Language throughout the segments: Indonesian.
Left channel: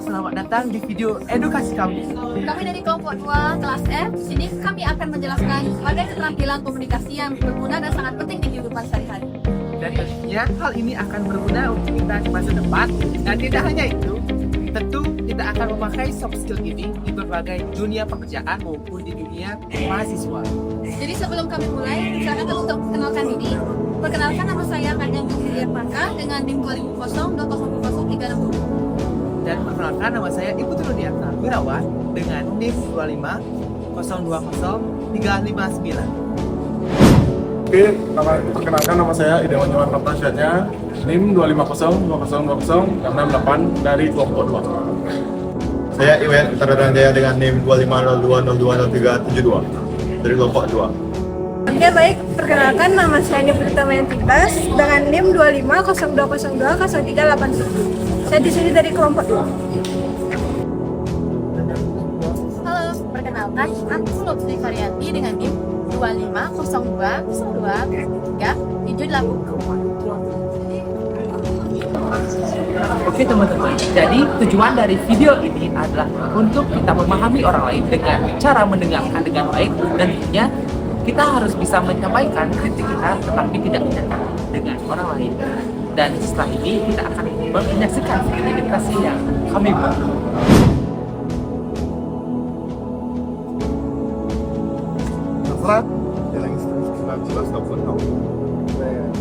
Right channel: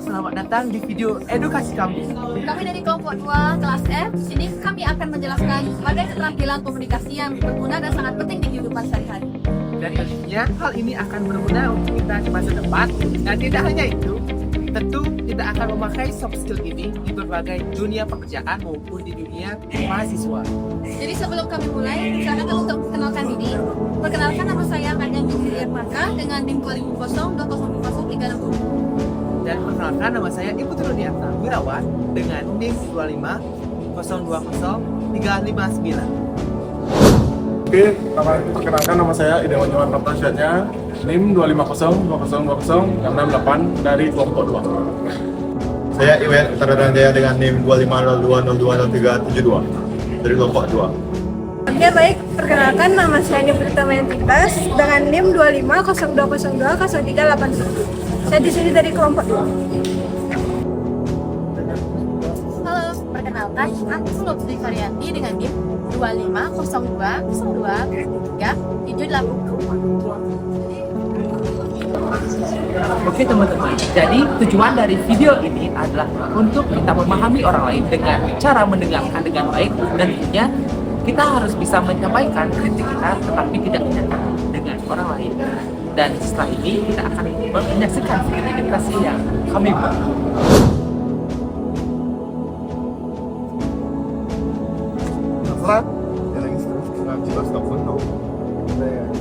selamat datang di video edukasi kami. Kami dari kelompok 2 kelas F. Di sini kami akan menjelaskan pada keterampilan komunikasi yang berguna dan sangat penting di kehidupan sehari-hari. Dan tentunya hal ini akan berguna untuk kita di masa depan. Dan tidak hanya itu, tentu kita akan memakai soft skill ini di berbagai dunia pekerjaan maupun di dunia mahasiswa. Jadi sebelum kami mulai, silakan untuk memperkenalkan diri. Perkenalkan, nama saya Kanyang Julia Pangka dengan NIM 250200360. Dan perkenalkan, nama saya Ibu Truniarta Wirawan dengan NIM 25020 359. Oke, perkenalkan nama saya Idewan Yuwan Pratasyatnya, NIM 2502020 668 dari kelompok 2. Saya Iwen Utara Jaya dengan NIM 250202372 dari kelompok 2. Oke baik, perkenalkan nama saya Nifrita Mayentitas dengan NIM 250202381. Saya di sini dari kelompok 2. Halo, perkenalkan, aku Lutfi Varianti dengan NIM 250202378. Oke teman-teman, jadi tujuan dari video ini adalah untuk kita memahami orang lain dengan cara mendengarkan dengan baik, dan tentunya kita harus bisa menyampaikan kritik kita tetapi tidak menyakiti dengan orang lain. Dan setelah ini kita akan menyaksikan video edukasi yang kami buat. Terserah, yang jelas telepon tau.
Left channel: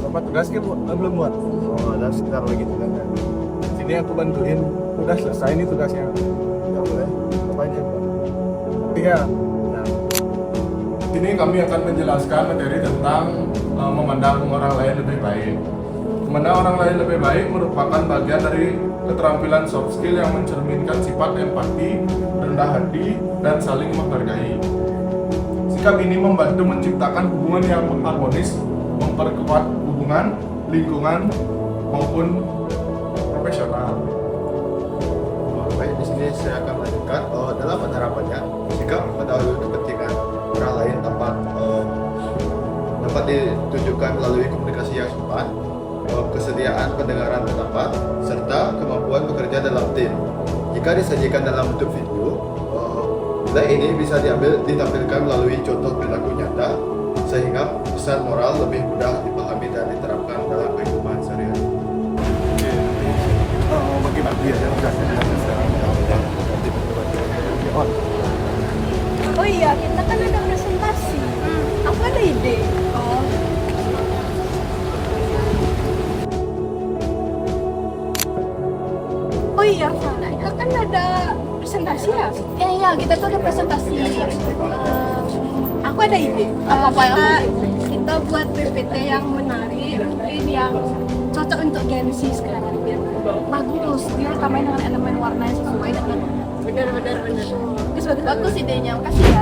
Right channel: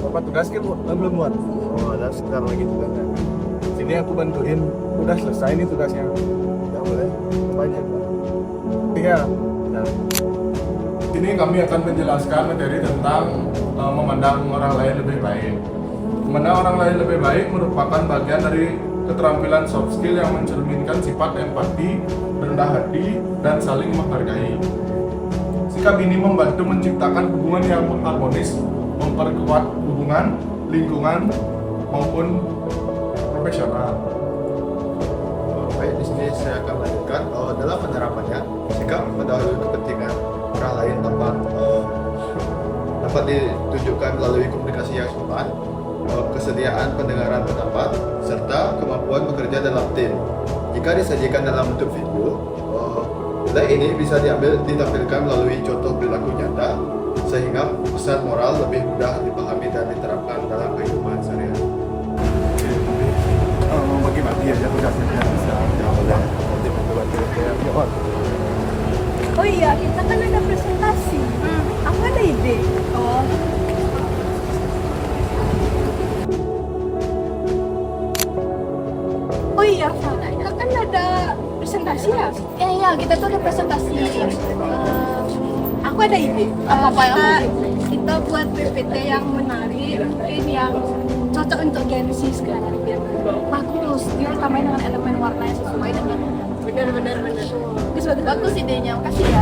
Bapak tugas kan belum buat? Oh, ada sekitar lagi tugasnya. Sini aku bantuin, udah selesai nih tugasnya. Ya boleh, apa aja Pak? Tiga. Nah. Sini kami akan menjelaskan materi tentang memandang orang lain lebih baik. Memandang orang lain lebih baik merupakan bagian dari keterampilan soft skill yang mencerminkan sifat empati, rendah hati, dan saling menghargai. Sikap ini membantu menciptakan hubungan yang harmonis, memperkuat hubungan, lingkungan, maupun profesional. Baik, di sini saya akan melanjutkan dalam penerapannya sikap mendahului kepentingan orang lain dapat ditunjukkan melalui komunikasi yang sopan, kesediaan pendengaran pendapat, serta kemampuan bekerja dalam tim. Jika disajikan dalam bentuk video, nilai ini bisa ditampilkan melalui contoh perilaku nyata, sehingga pesan moral lebih mudah dipahami dan diterapkan dalam kehidupan sehari-hari. Oke, bagi-bagi aja tugasnya biar bisa jawab. Oh iya, kita kan ada presentasi. Aku ada ide. Oh, Oh iya, kita kan ada presentasi ya. iya, kita tuh ada presentasi. Aku ada ide. Apa Kita buat PPT yang menarik, mungkin yang cocok untuk Gen Z sekarang. Bagus, dia tambahin dengan elemen warna yang sesuai dengan Benar. bagus idenya, makasih ya.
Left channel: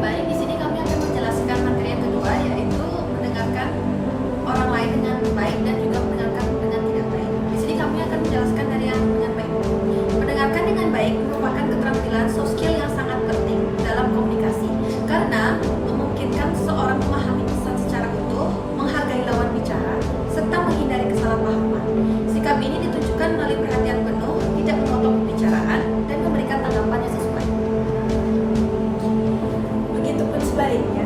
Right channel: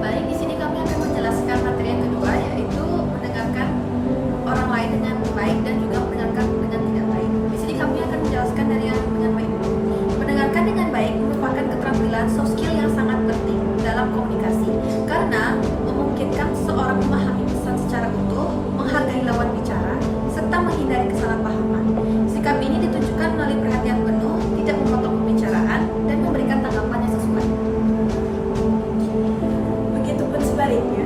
Baik, di sini kami akan menjelaskan materi yang kedua, yaitu mendengarkan orang lain dengan baik dan juga mendengarkan dengan tidak baik. Di sini kami akan menjelaskan dari yang dengan baik. Mendengarkan dengan baik merupakan keterampilan soft skill yang sangat penting dalam komunikasi karena memungkinkan seseorang memahami pesan secara utuh, menghargai lawan bicara, serta menghindari kesalahpahaman. Sikap ini ditunjukkan melalui perhatian penuh, tidak memotong pembicaraan, dan memberikan tanggapan yang sesuai. Begitupun sebaliknya,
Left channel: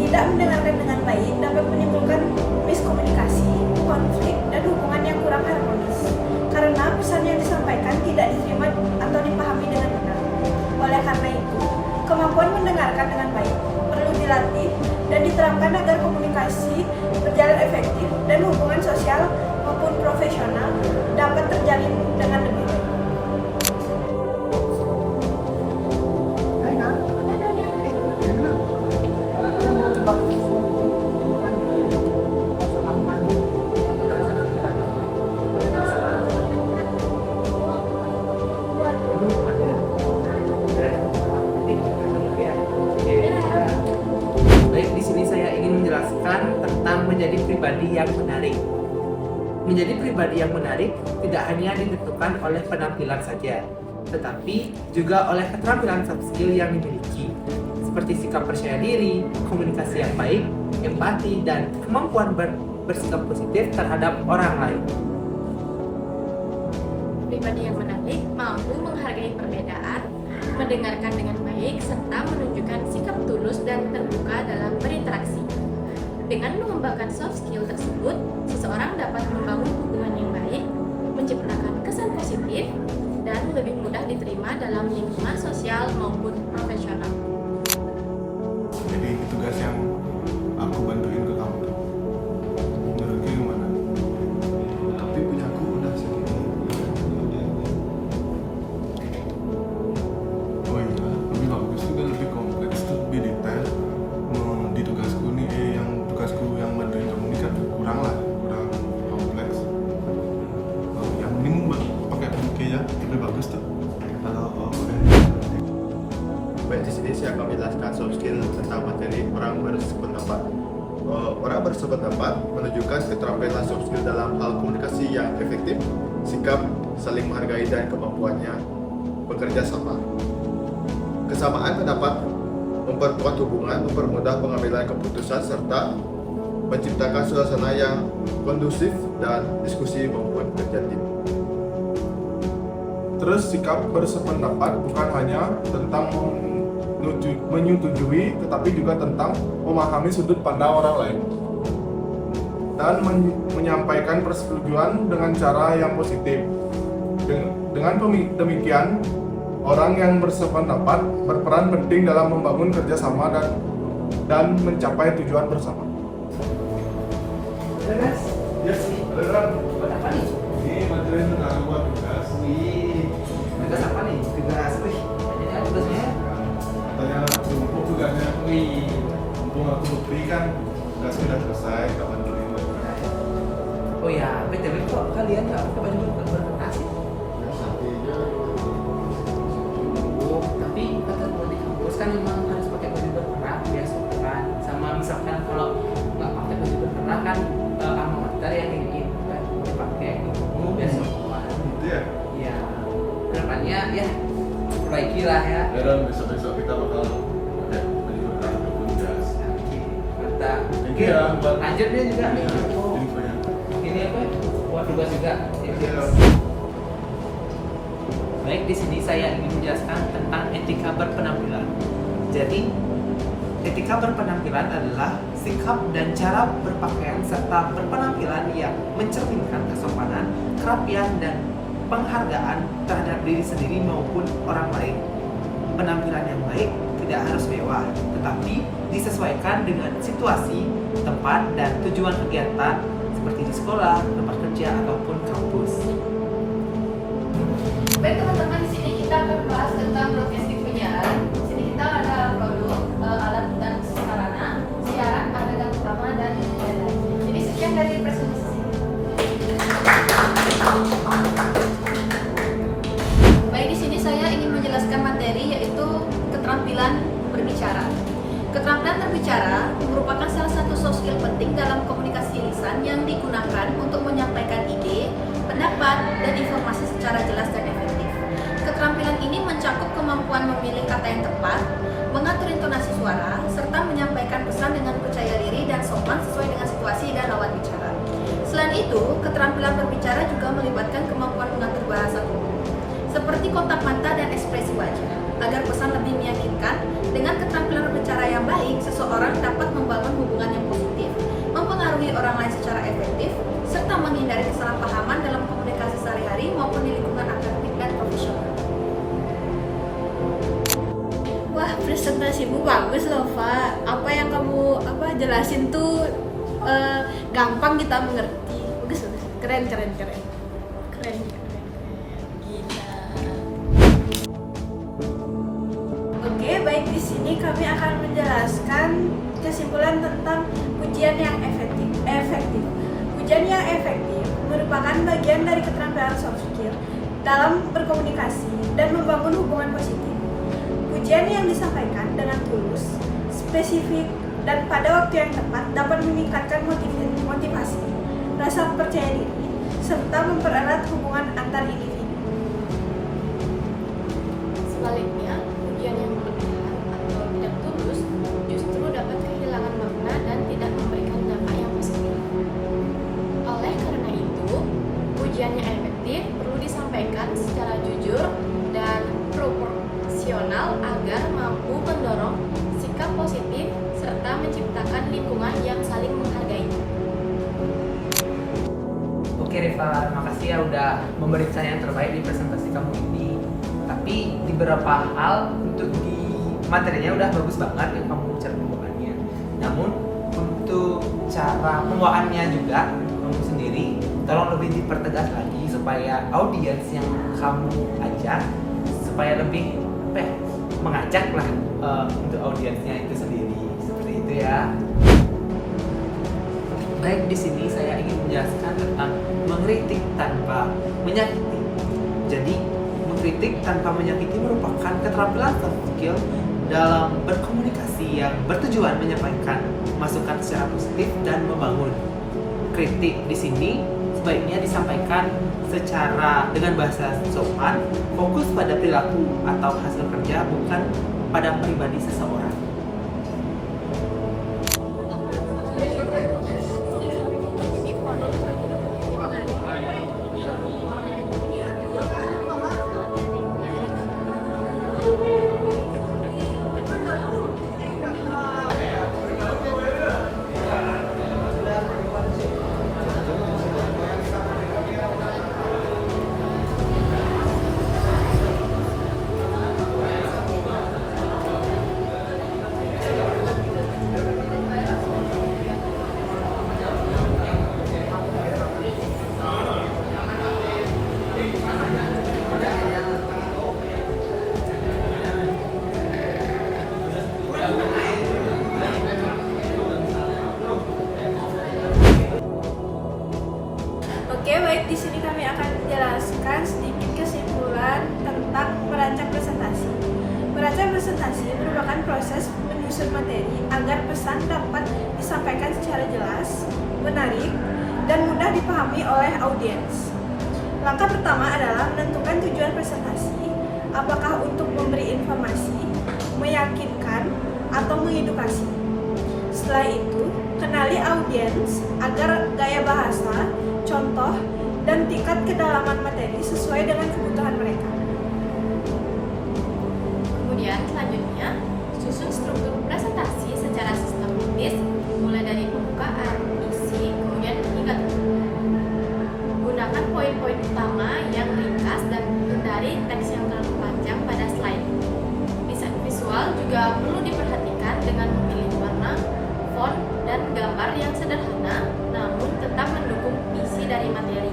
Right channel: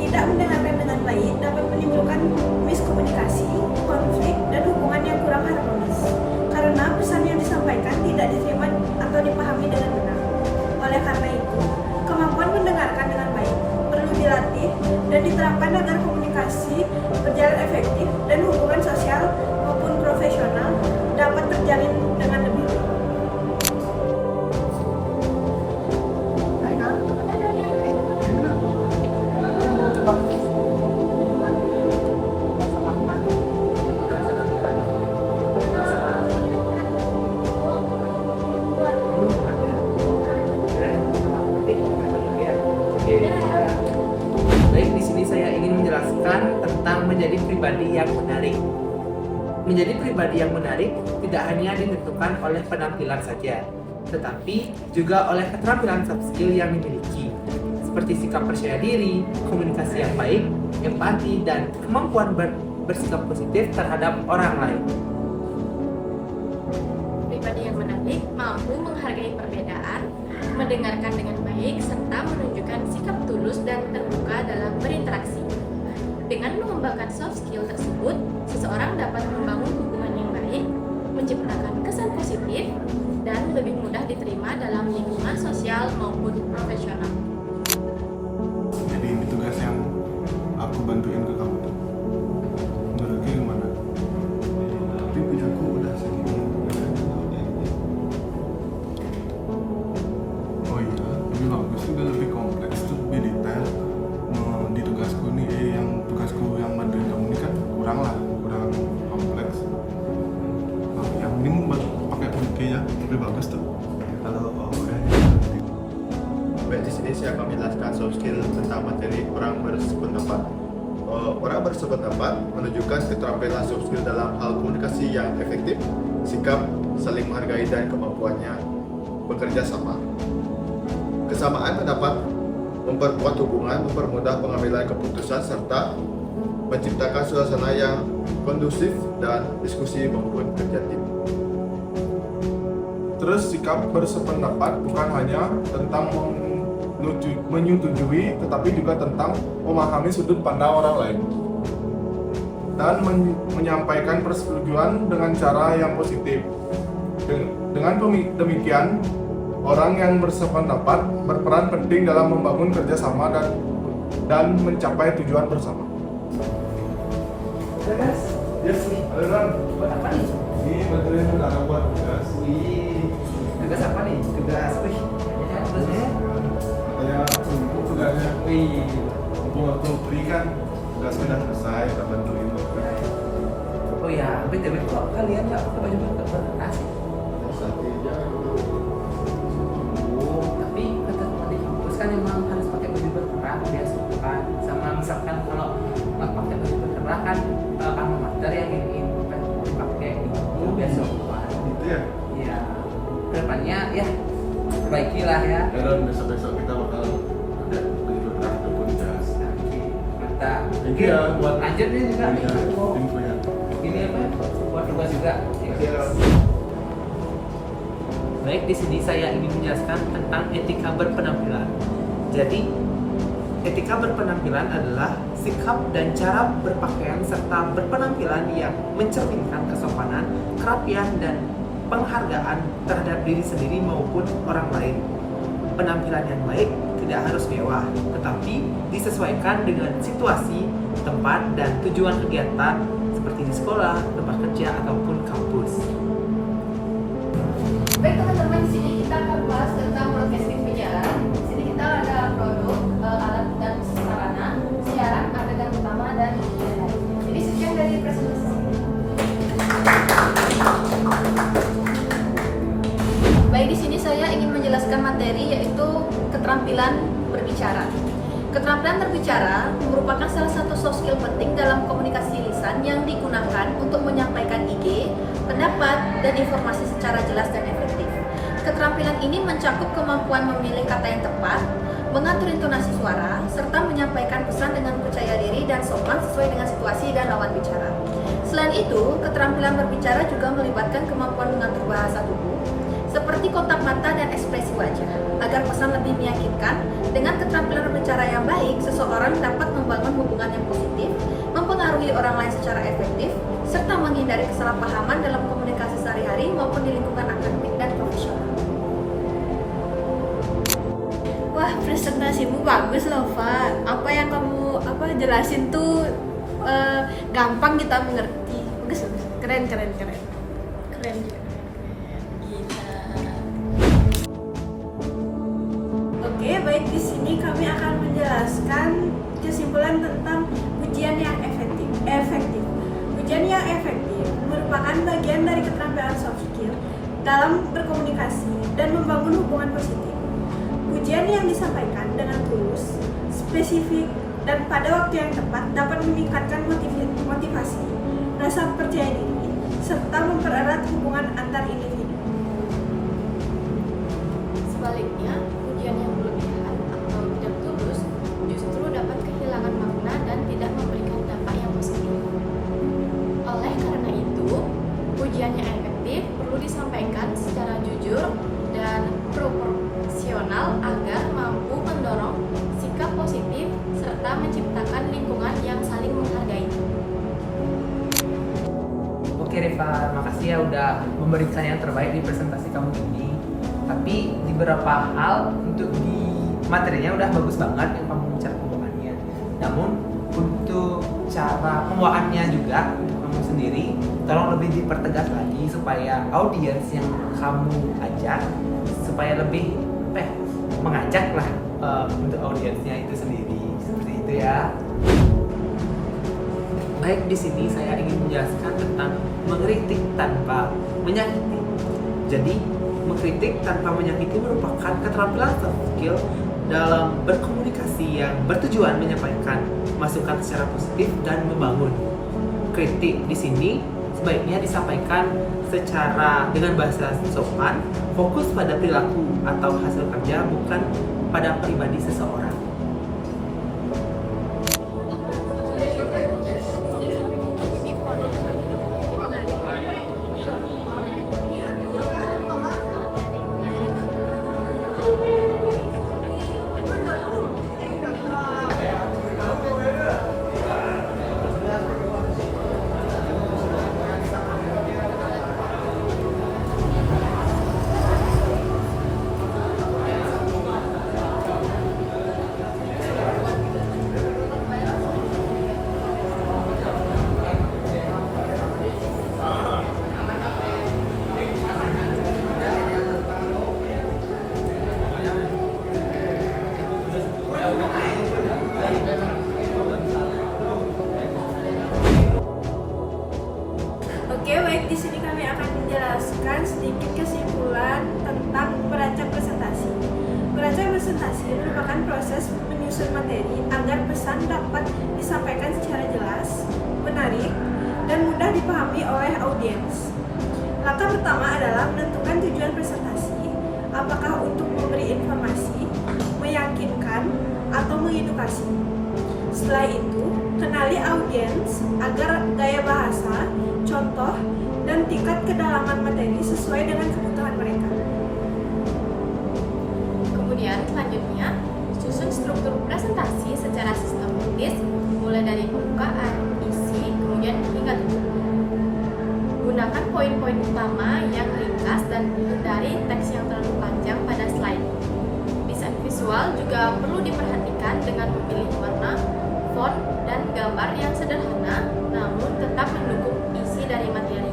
tidak mendengarkan dengan baik dapat menimbulkan miskomunikasi, konflik, dan hubungan yang kurang harmonis. Karena pesan yang disampaikan tidak diterima atau dipahami dengan benar. Oleh karena itu, kemampuan mendengarkan dengan baik perlu dilatih dan diterapkan agar komunikasi berjalan efektif dan hubungan sosial maupun profesional dapat terjalin dengan lebih baik. Baik, di sini saya ingin menjelaskan tentang menjadi pribadi yang menarik. Menjadi pribadi yang menarik tidak hanya ditentukan oleh penampilan saja, tetapi juga oleh keterampilan soft skill yang dimiliki, seperti sikap percaya diri, komunikasi yang baik, empati, dan kemampuan bersikap positif terhadap orang lain. pribadi yang menarik, mampu menghargai perbedaan, mendengarkan dengan baik, serta menunjukkan sikap tulus dan terbuka dalam berinteraksi. Dengan mengembangkan soft skill tersebut, seseorang dapat membangun hubungan yang baik, menciptakan kesan positif, dan lebih mudah diterima dalam lingkungan sosial maupun profesional. Jadi ini tugas yang aku bantuin ke kamu tuh. Menurutnya gimana? Tapi punya aku udah segini. Oh iya, lebih bagus juga, lebih kompleks tuh, lebih detail. Di tugasku nih, tugasku yang bantuin kamu ini kan kurang kompleks. Yang ini pakai oke ya, lebih bagus tuh. Kalau udah nanti. Baik, di sini saya akan menjelaskan soft skill tentang materi orang berpendapat. Orang berpendapat menunjukkan keterampilan soft skill dalam hal komunikasi yang efektif, sikap saling menghargai dan kemampuannya bekerja sama. Kesamaan pendapat memperkuat hubungan, mempermudah pengambilan keputusan, serta menciptakan suasana yang kondusif dan diskusi maupun kerja tim. Terus sikap bersependapat bukan hanya tentang menyetujui, tetapi juga tentang memahami sudut pandang orang lain dan menyampaikan persetujuan dengan cara yang positif. Dengan demikian, orang yang bersependapat berperan penting dalam membangun kerjasama dan mencapai tujuan bersama. Mas, Yes, beneran. buat apa nih? Ini bantuin saudara buat tugas. Wih, tugas apa nih? Tugas, banyak tugasnya. Katanya untuk tugasnya. Wih, Mumpung aku free kan, tugasnya udah selesai, tak bantuin. oh ya, BTW kok kalian nggak pakai baju berkertas sih? Tapi kata teman di kampus kan memang harus pakai baju berkerah biar sopan. Sama misalkan kalau nggak pakai baju berkerah kan alma mater yang ingin dipakai gitu biar sopan. Gitu ya? Ya, kedepannya ya perbaikilah ya. Ya dan besok-besok kita bakal pakai baju berkerah ataupun jas. Oke, mantap. Thank you ya buat lanjut nih juga nih. infonya. Ini apa ya? Buat tugas juga. Baik, di sini saya ingin menjelaskan tentang etika berpenampilan. Jadi, etika berpenampilan adalah sikap dan cara berpakaian serta berpenampilan yang mencerminkan kesopanan, kerapian, dan penghargaan terhadap diri sendiri maupun orang lain. Penampilan yang baik tidak harus mewah, tetapi disesuaikan dengan situasi, tempat, dan tujuan kegiatan seperti di sekolah, tempat kerja, ataupun kampus. Baik teman-teman, di sini kita akan bahas tentang broadcasting penyiaran. Di sini kita ada produk, alat dan sarana, siaran, adegan utama dan adegan. Jadi sekian dari presentasi. Baik, di sini saya ingin menjelaskan materi yaitu keterampilan berbicara. Keterampilan berbicara merupakan salah satu soft skill penting dalam komunikasi lisan yang digunakan untuk menyampaikan ide, pendapat, dan informasi secara jelas dan efektif. Keterampilan ini mencakup kemampuan memilih kata yang tepat, mengatur intonasi suara, serta menyampaikan pesan dengan percaya diri dan sopan sesuai dengan situasi dan lawan bicara. Selain itu, keterampilan berbicara juga melibatkan kemampuan mengatur bahasa tubuh, seperti kontak mata dan ekspresi wajah, agar pesan lebih meyakinkan. Dengan keterampilan berbicara yang baik, seseorang dapat membangun hubungan yang positif, mempengaruhi orang lain secara efektif, serta menghindari kesalahpahaman dalam komunikasi sehari-hari maupun di lingkungan akademik dan profesional. Wah, presentasimu bagus loh, Pak. Apa yang kamu jelasin tuh gampang kita mengerti. Bagus. Keren. Keren juga, keren. Gila. Oke, baik, di sini kami akan menjelaskan kesimpulan tentang ujian yang efektif. Ujian yang efektif merupakan bagian dari keterampilan soft skill dalam berkomunikasi dan membangun hubungan positif. Ujian yang disampaikan dengan tulus, spesifik, dan pada waktu yang tepat dapat meningkatkan motivasi, rasa percaya diri, serta mempererat hubungan antar individu. Sebaliknya, ujian yang berlebihan atau tidak tulus justru dapat kehilangan makna dan tidak memberikan dampak yang positif. Oleh karena itu, ujian yang efektif perlu disampaikan menciptakan lingkungan yang saling menghargai. Oke Reva, makasih ya udah memberikan yang terbaik di presentasi kamu ini. Tapi di beberapa hal untuk di materinya udah bagus banget yang kamu cara pembawaannya. Namun untuk cara pembawaannya juga untuk kamu sendiri tolong lebih dipertegas lagi supaya audiens yang kamu ajak supaya lebih mengajak lah untuk audiensnya itu sendiri. Seperti itu ya. Baik, di sini saya ingin menjelaskan tentang mengkritik tanpa menyakiti. Jadi, mengkritik tanpa menyakiti merupakan keterampilan soft skill dalam berkomunikasi yang bertujuan menyampaikan masukan secara positif dan membangun. Kritik di sini sebaiknya disampaikan secara dengan bahasa sopan, fokus pada perilaku atau hasil kerja, bukan pada pribadi seseorang. Oke, baik, di sini kami akan menjelaskan sedikit kesimpulan tentang merancang presentasi. Merancang presentasi merupakan proses menyusun materi agar pesan dapat disampaikan secara jelas, menarik, dan mudah dipahami oleh audiens. Langkah pertama adalah menentukan tujuan presentasi, apakah untuk memberi informasi, meyakinkan, atau mengedukasi. Setelah itu, kenali audiens agar gaya bahasa, contoh, dan tingkat kedalaman materi sesuai dengan kebutuhan mereka. Kemudian selanjutnya, susun struktur presentasi secara sistematis, mulai dari pembukaan, isi, kemudian hingga tutup. Gunakan poin-poin utama yang ringkas dan hindari teks yang terlalu panjang pada slide. Desain visual juga perlu diperhatikan dengan memilih warna, font, dan gambar yang sederhana, namun tetap mendukung isi dari materi.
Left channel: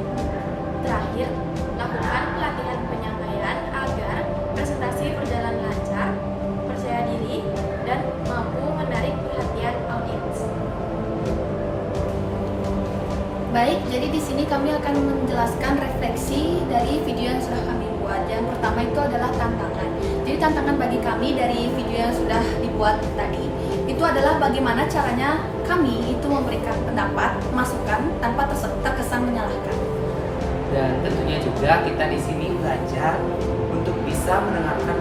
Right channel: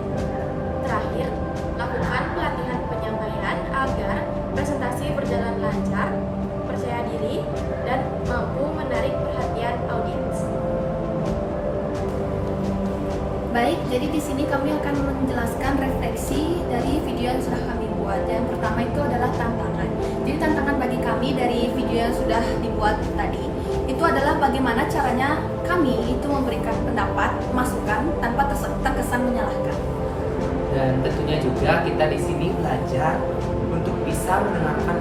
Terakhir, lakukan pelatihan penyampaian agar presentasi berjalan lancar, percaya diri, dan mampu menarik perhatian audiens. Baik, jadi di sini kami akan menjelaskan refleksi dari video yang sudah kami buat. Yang pertama itu adalah tantangan. Jadi tantangan bagi kami dari video yang sudah dibuat tadi itu adalah bagaimana caranya kami itu memberikan pendapat, masukan tanpa terkesan menyalahkan. Dan tentunya juga kita di sini belajar untuk bisa mendengarkan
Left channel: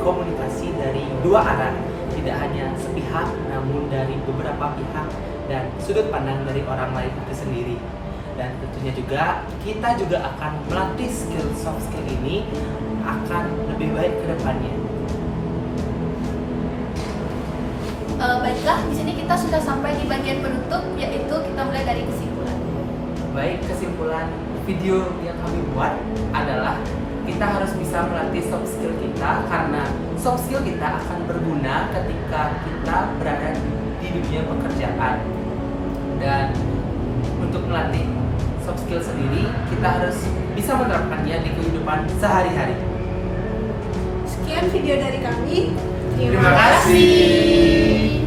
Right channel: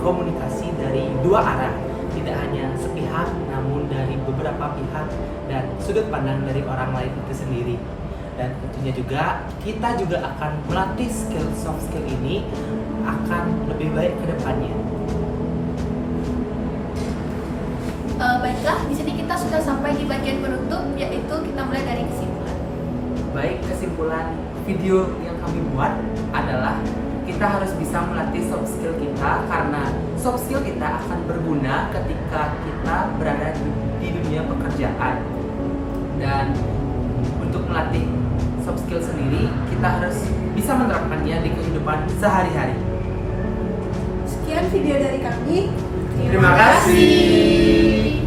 komunikasi dari dua arah, tidak hanya sepihak namun dari beberapa pihak dan sudut pandang dari orang lain itu sendiri. Dan tentunya juga kita juga akan melatih soft skill ini akan lebih baik ke depannya. Baiklah, di sini kita sudah sampai di bagian penutup, yaitu kita mulai dari kesimpulan. Baik, kesimpulan video yang kami buat adalah kita harus bisa melatih soft skill kita, karena soft skill kita akan berguna ketika kita berada di dunia pekerjaan. Dan untuk melatih soft skill sendiri, kita harus bisa menerapkannya di kehidupan sehari-hari. Sekian video dari kami. Terima kasih.